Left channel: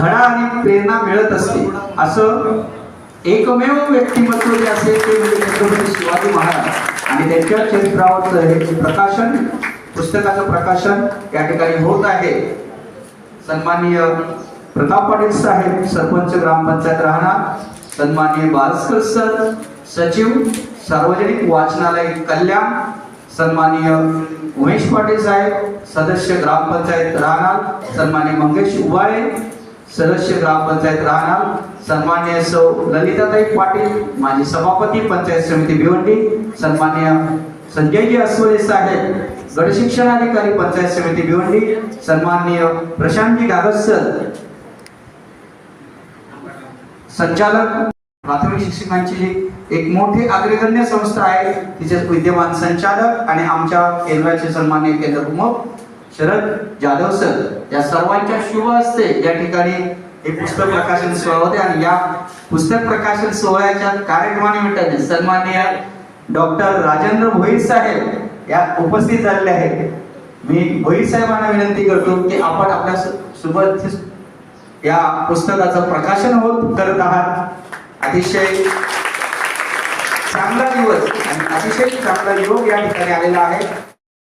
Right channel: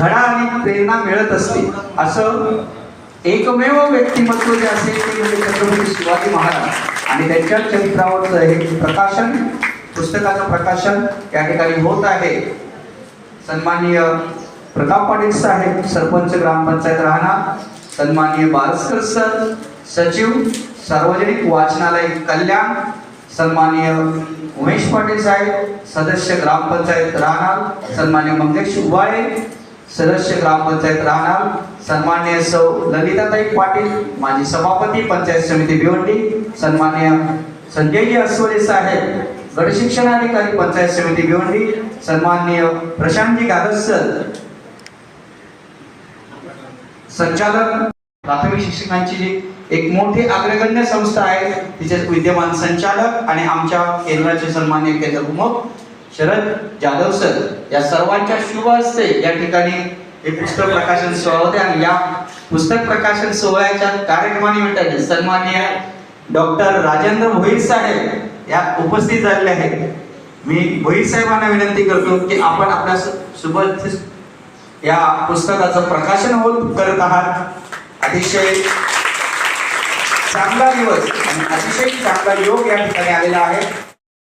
धडा आणि प्रेरणा मिळत असते. असं एकमेव व्यक्तिमत्व जे असेल ते म्हणजे छत्रपती शिवाजी महाराज. आणि त्यांच्या चरित्रावर हे प्रकाशन पुस्तकाचं प्रकाशन या ठिकाणी होत आहे. सन्माननीय प्रताप पाटील साहेब सरपंच ग्रामपंचायत राहणार. सन्माननीय बालस्कर सर सचिव सार्वजनिक वाचनालय कल्याण. सन्माननीय उमेश पाटील साहेब सदस्य ग्रामपंचायत राहणार. सन्माननीय मंगेश उबाळे. सदस्य ग्रामपंचायत राहणार. सन्मान्य सौ ललिताताई पाटील माजी सभापती पंचायत समिती भिवंडी. सन्मान्य संजयजी अस्वले साहेब गट शिक्षणाधिकारी पंचायत समिती भिवंडी. सन्मान्य प्रशांतजी गागस संचालक प्राथमिक शिक्षकांची जी एक मोठी अग्रगण्य संस्था आहे तिचे विद्यमान संचालक आणि आमच्या केंद्राचे सन्मान्य केंद्र प्रमुख शरद जाधव सर या सर्वांच्या शुभ हस्ते या ठिकाणी हे पुस्तक प्रकाशन सोहळा होते आणि या पुस्तक प्रकाशन सोहळ्याच्या कार्यक्रमानिमित्ताने सन्माननीय डॉक्टर राजेंद्र भोईर साहेब या उपस्थित झालेले आहेत. मी भोईर साहेबांना विनंती करतो की आपण आपल्यासोबत या पुस्तकाचं प्रकाशन होत करत आहात. अतिशय चांगला दिवस आणि अतिशय चांगला योग या ठिकाणी आलेला आहे.